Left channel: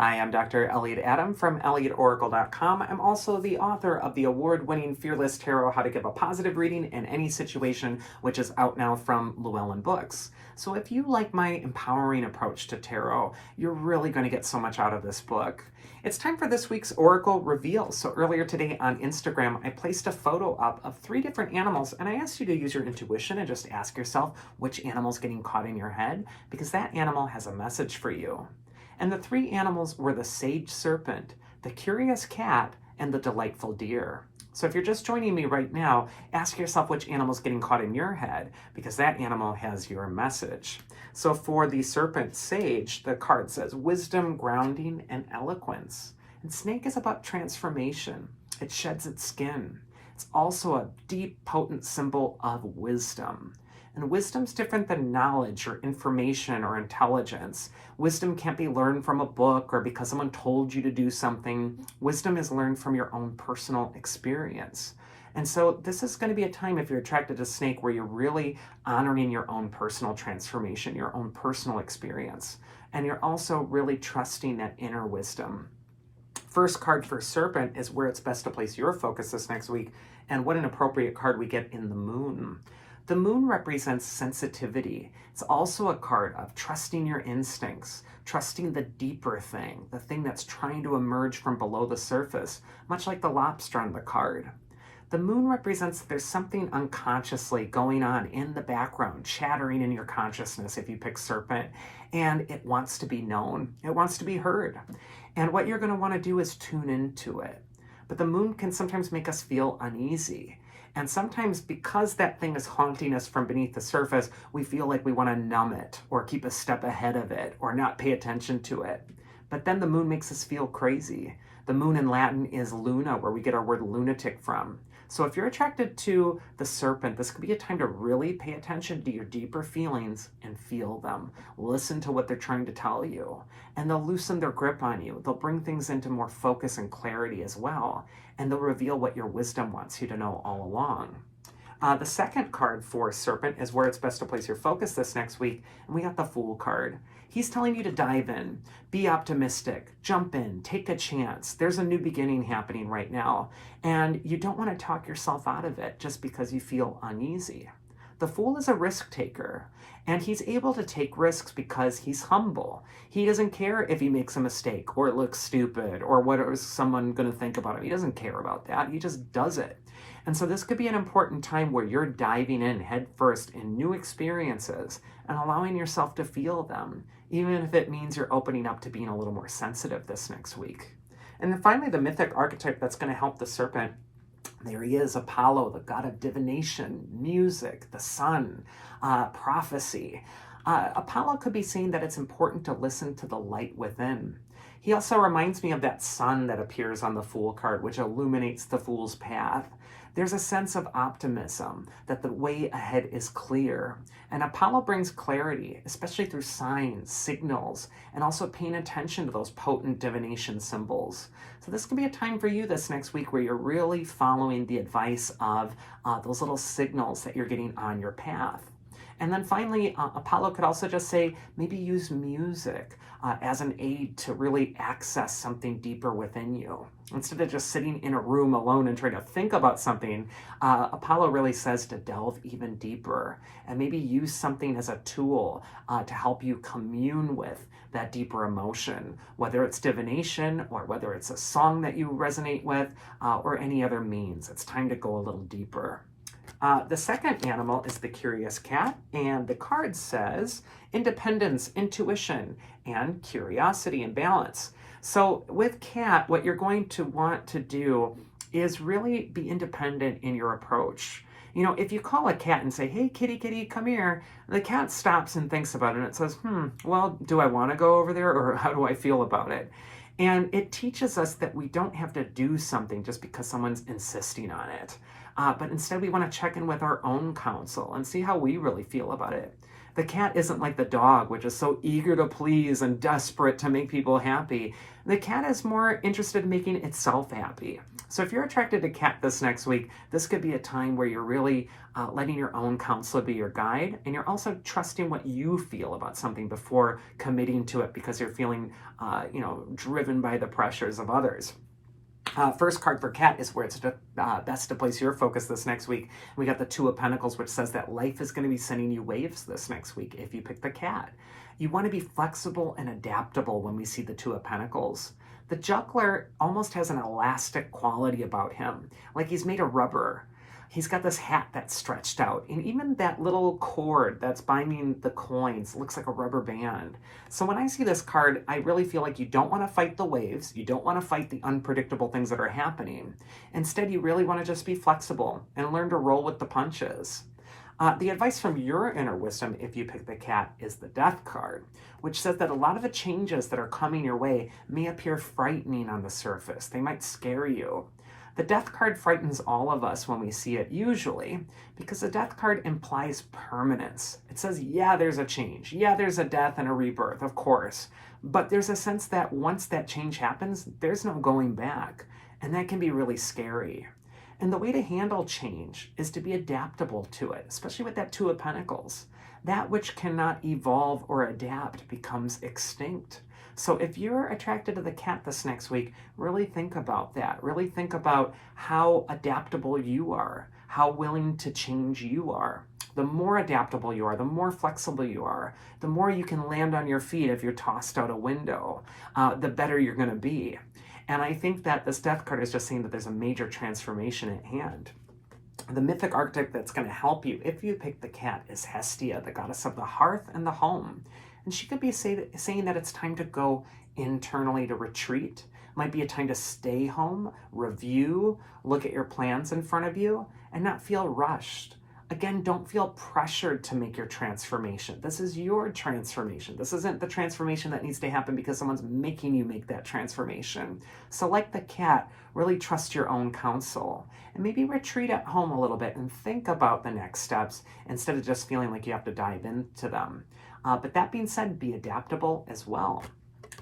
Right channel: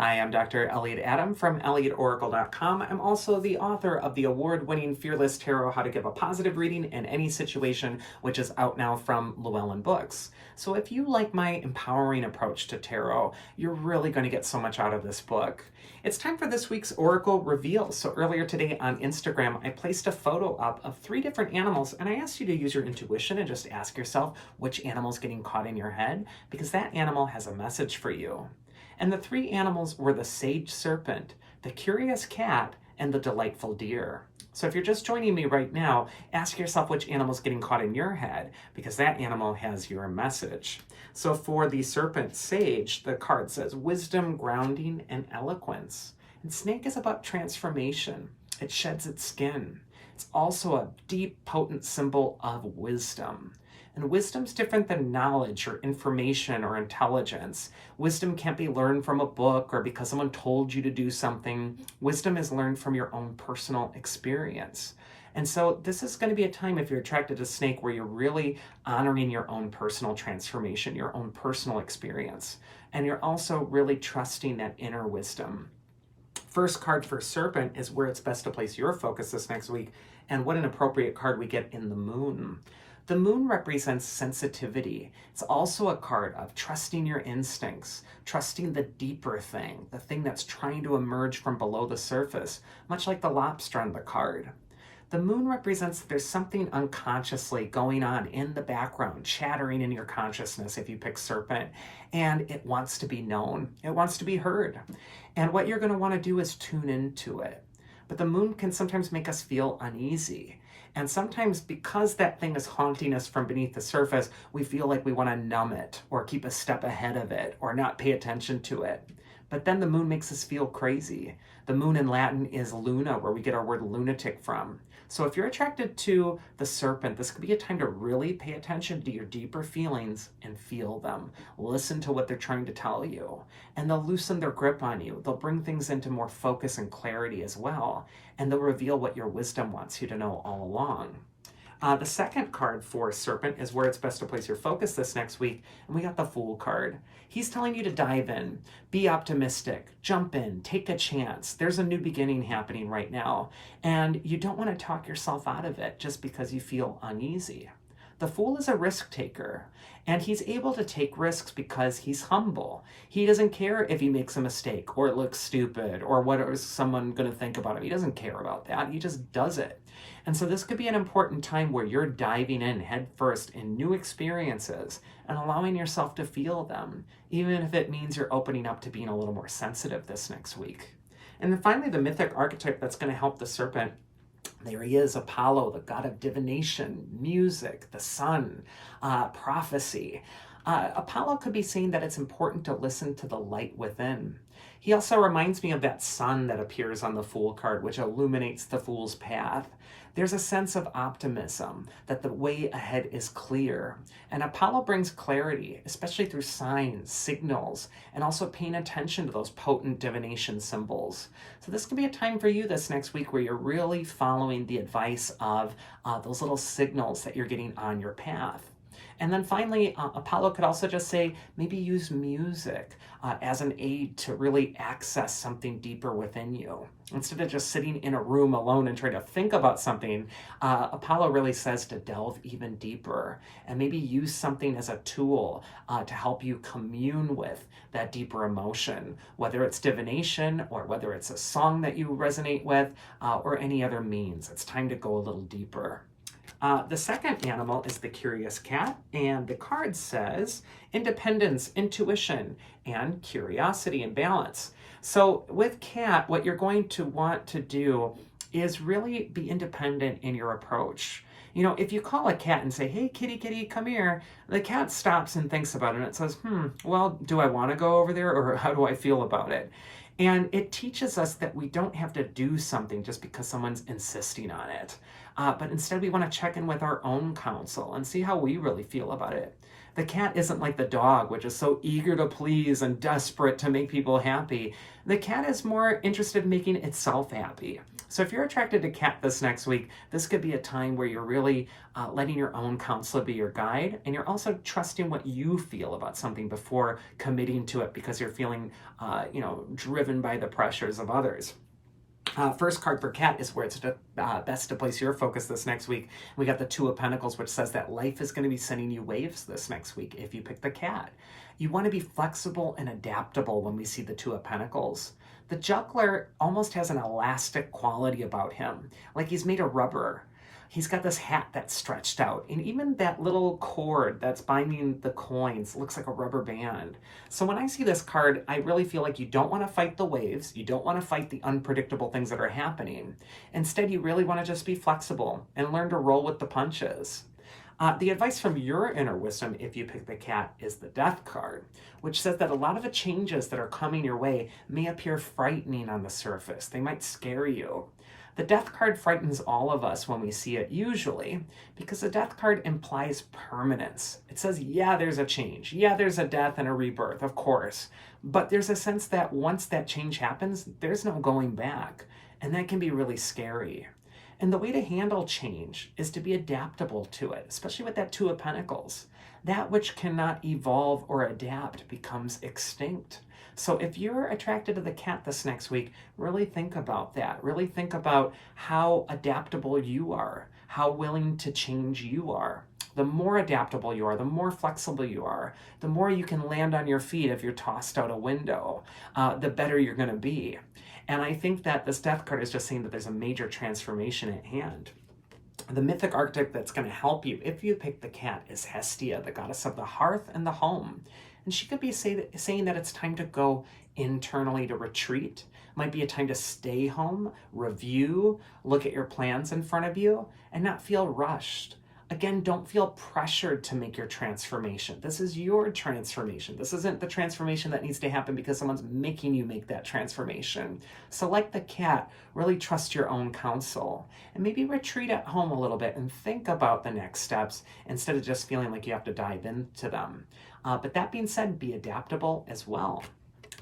Hi, I'm Dr. Elliot Adam from ElliotOracle.com. I'm also the author of the award-winning Fearless Tarot, How to Give a Positive Reading in Any Situation, which is out now from Llewellyn Books. So if you like my empowering approach to tarot, you're really going to get so much out of this book. It's time for this week's Oracle Reveal. So earlier today on Instagram, I placed a photo up of 3 different animals, and I asked you to use your intuition and just ask yourself which animal's getting caught in your head, because that animal has a message for you. And the 3 animals were the sage serpent, the curious cat, and the delightful deer. So if you're just joining me right now, ask yourself which animal's getting caught in your head, because that animal has your message. So for the serpent sage, the card says wisdom, grounding, and eloquence. And snake is about transformation. It sheds its skin. It's also a deep, potent symbol of wisdom. And wisdom's different than knowledge or information or intelligence. Wisdom can't be learned from a book or because someone told you to do something. Wisdom is learned from your own personal experience. And so this is going to be a time, if you're attracted to snake, where you're really honoring your own personal transformation, your own personal experience. And you're also really trusting that inner wisdom. First card for serpent is where it's best to place your focus this next week. And what an appropriate card we get in the moon. The moon represents sensitivity. It's also a card of trusting your instincts, trusting the deeper thing, the thing that's trying to emerge from below the surface, much like the lobster on the card. The moon represents that there's something unconsciously going on in the background, chattering in your consciousness if you pick serpent, and it wants to be known. It wants to be heard. And what you're going to want to do is tune into it. But the moon can sometimes make us feel uneasy. And sometimes because that thing is haunting us from beneath the surface, we feel like we want to numb it or keep a step ahead of it or not pay attention to it. But then the moon makes us feel crazy. The moon in Latin is luna, where we get our word lunatic from. So if you're attracted to the serpent, this could be a time to really pay attention to your deeper feelings and feel them. Listen to what they're trying to tell you. And they'll loosen their grip on you. They'll bring things into more focus and clarity as well. And they'll reveal what your wisdom wants you to know all along. The second card for serpent is where it's best to place your focus this next week. And we got the Fool card. He's telling you to dive in, be optimistic, jump in, take a chance. There's a new beginning happening right now. And you don't want to talk yourself out of it just because you feel uneasy. The Fool is a risk taker, and he's able to take risks because he's humble. He doesn't care if he makes a mistake or it looks stupid or what is someone going to think about him. He doesn't care about that. He just does it. And so this could be an important time where you're diving in head first in new experiences and allowing yourself to feel them, even if it means you're opening up to being a little more sensitive this next week. And then finally, the mythic archetype that's going to help the serpent. There he is, Apollo, the god of divination, music, the sun, prophecy. Apollo could be saying that it's important to listen to the light within. He also reminds me of that sun that appears on the Fool card, which illuminates the Fool's path. There's a sense of optimism, that the way ahead is clear. And Apollo brings clarity, especially through signs, signals, and also paying attention to those potent divination symbols. So this can be a time for you this next week where you're really following the advice of those little signals that you're getting on your path. And then finally, Apollo could also just say, maybe use music as an aid to really access something deeper within you. Instead of just sitting in a room alone and trying to think about something, Apollo really says to delve even deeper and maybe use something as a tool to help you commune with that deeper emotion, whether it's divination or whether it's a song that you resonate with or any other means. It's time to go a little deeper. The second animal is the curious cat, and the card says independence, intuition, and curiosity and balance. So with cat, what you're going to want to do is really be independent in your approach. You know, if you call a cat and say, hey, kitty, kitty, come here, the cat stops and thinks about it and it says, well, do I want to go over there or how do I feel about it? And it teaches us that we don't have to do something just because someone's insisting on it. But instead we want to check in with our own counsel and see how we really feel about it. The cat isn't like the dog, which is so eager to please and desperate to make people happy. The cat is more interested in making itself happy. So if you're attracted to cat this next week, this could be a time where you're really letting your own counsel be your guide, and you're also trusting what you feel about something before committing to it because you're feeling, driven by the pressures of others. First card for cat is where it's best to place your focus this next week. We got the Two of Pentacles, which says that life is going to be sending you waves this next week if you pick the cat. You want to be flexible and adaptable when we see the Two of Pentacles. The juggler almost has an elastic quality about him, like he's made of rubber. He's got this hat that's stretched out, and even that little cord that's binding the coins looks like a rubber band. So when I see this card, I really feel like you don't want to fight the waves. You don't want to fight the unpredictable things that are happening. Instead, you really want to just be flexible and learn to roll with the punches. The advice from your inner wisdom, if you pick the cat, is the Death card, which says that a lot of the changes that are coming your way may appear frightening on the surface. They might scare you. The Death card frightens all of us when we see it usually because the Death card implies permanence. It says, yeah, there's a change. Yeah, there's a death and a rebirth, of course. But there's a sense that once that change happens, there's no going back. And that can be really scary. And the way to handle change is to be adaptable to it, especially with that Two of Pentacles. That which cannot evolve or adapt becomes extinct. So if you're attracted to the cat this next week, really think about that. Really think about how adaptable you are, how willing to change you are. The more adaptable you are, the more flexible you are, the more you can land on your feet if you're tossed out a window, the better you're going to be. And I think that this Death card is just saying that there's a major transformation at hand. The mythic archetype that's going to help you, if you pick the cat, is Hestia, the goddess of the hearth and the home. And she could be saying that it's time to go internally to retreat. It might be a time to stay home, review, look at your plans in front of you, and not feel rushed. Again, don't feel pressured to make your transformation. This is your transformation. This isn't the transformation that needs to happen because someone's making you make that transformation. So like the cat, really trust your own counsel and maybe retreat at home a little bit and think about the next steps instead of just feeling like you have to dive into them. But that being said, be adaptable as well.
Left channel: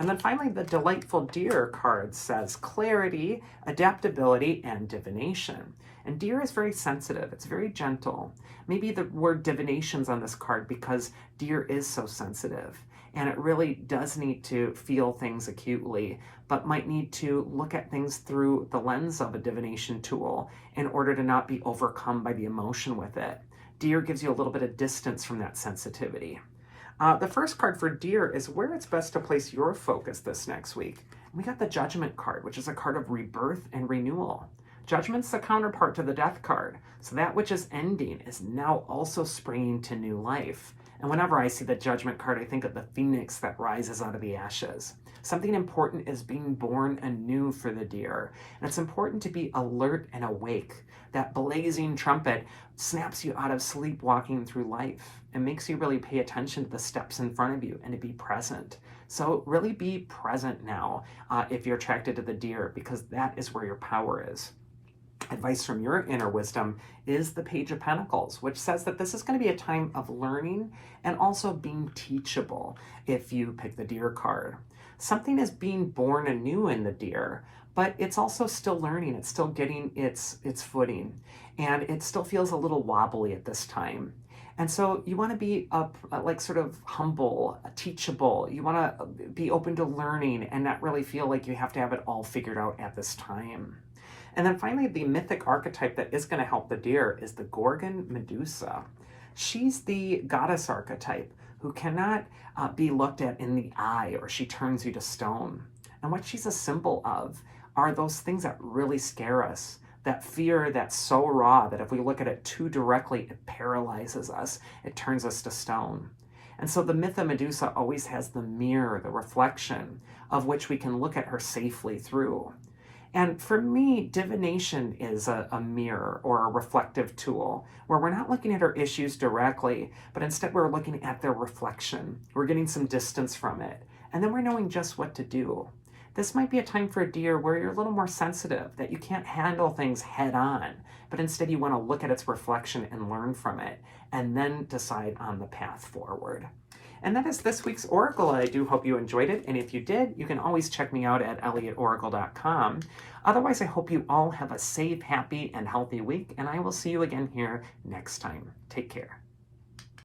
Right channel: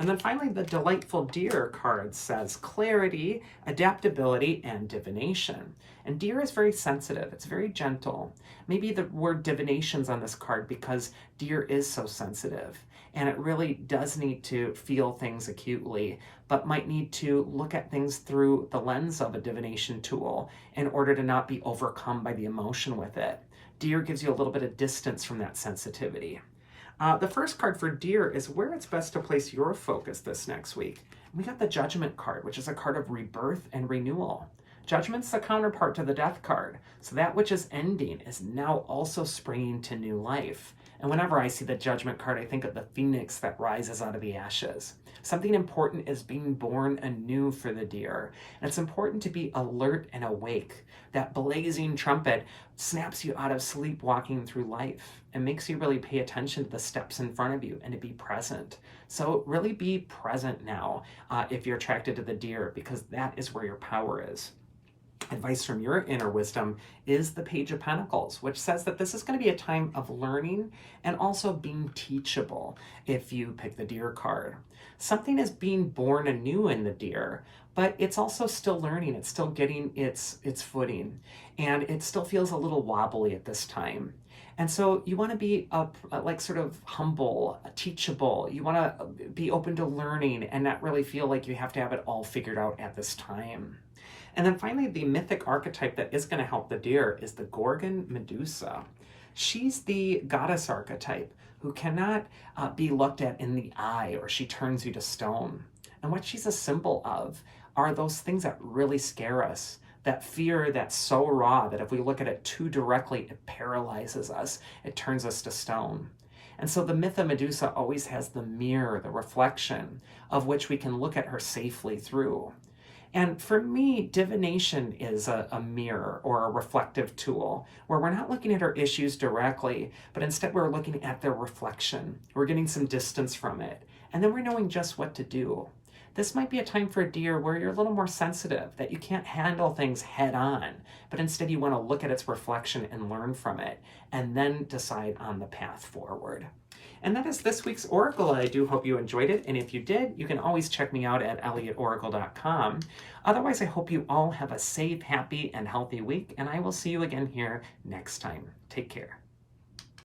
And then finally, the Delightful Deer card says clarity, adaptability, and divination. And deer is very sensitive. It's very gentle. Maybe the word divination's on this card because deer is so sensitive. And it really does need to feel things acutely, but might need to look at things through the lens of a divination tool in order to not be overcome by the emotion with it. Deer gives you a little bit of distance from that sensitivity. The first card for deer is where it's best to place your focus this next week. We got the Judgment card, which is a card of rebirth and renewal. Judgment's the counterpart to the Death card. So that which is ending is now also springing to new life. And whenever I see the Judgment card, I think of the phoenix that rises out of the ashes. Something important is being born anew for the deer. And it's important to be alert and awake. That blazing trumpet snaps you out of sleepwalking through life and makes you really pay attention to the steps in front of you and to be present. So really be present now if you're attracted to the deer, because that is where your power is. Advice from your inner wisdom is the Page of Pentacles, which says that this is going to be a time of learning and also being teachable if you pick the deer card. Something is being born anew in the deer, but it's also still learning. It's still getting its footing, and it still feels a little wobbly at this time. And so you want to be sort of humble, teachable. You want to be open to learning and not really feel like you have to have it all figured out at this time. And then finally, the mythic archetype that is going to help the deer is the Gorgon Medusa. She's the goddess archetype who cannot be looked at in the eye, or she turns you to stone. And what she's a symbol of are those things that really scare us. That fear that's so raw that if we look at it too directly, it paralyzes us. It turns us to stone. And so the myth of Medusa always has the mirror, the reflection, of which we can look at her safely through. And for me, divination is a mirror or a reflective tool where we're not looking at our issues directly, but instead we're looking at their reflection. We're getting some distance from it. And then we're knowing just what to do. This might be a time for a deer where you're a little more sensitive, that you can't handle things head on, but instead you want to look at its reflection and learn from it, and then decide on the path forward. And that is this week's Oracle. I do hope you enjoyed it, and if you did, you can always check me out at elliotoracle.com. Otherwise, I hope you all have a safe, happy, and healthy week, and I will see you again here next time. Take care.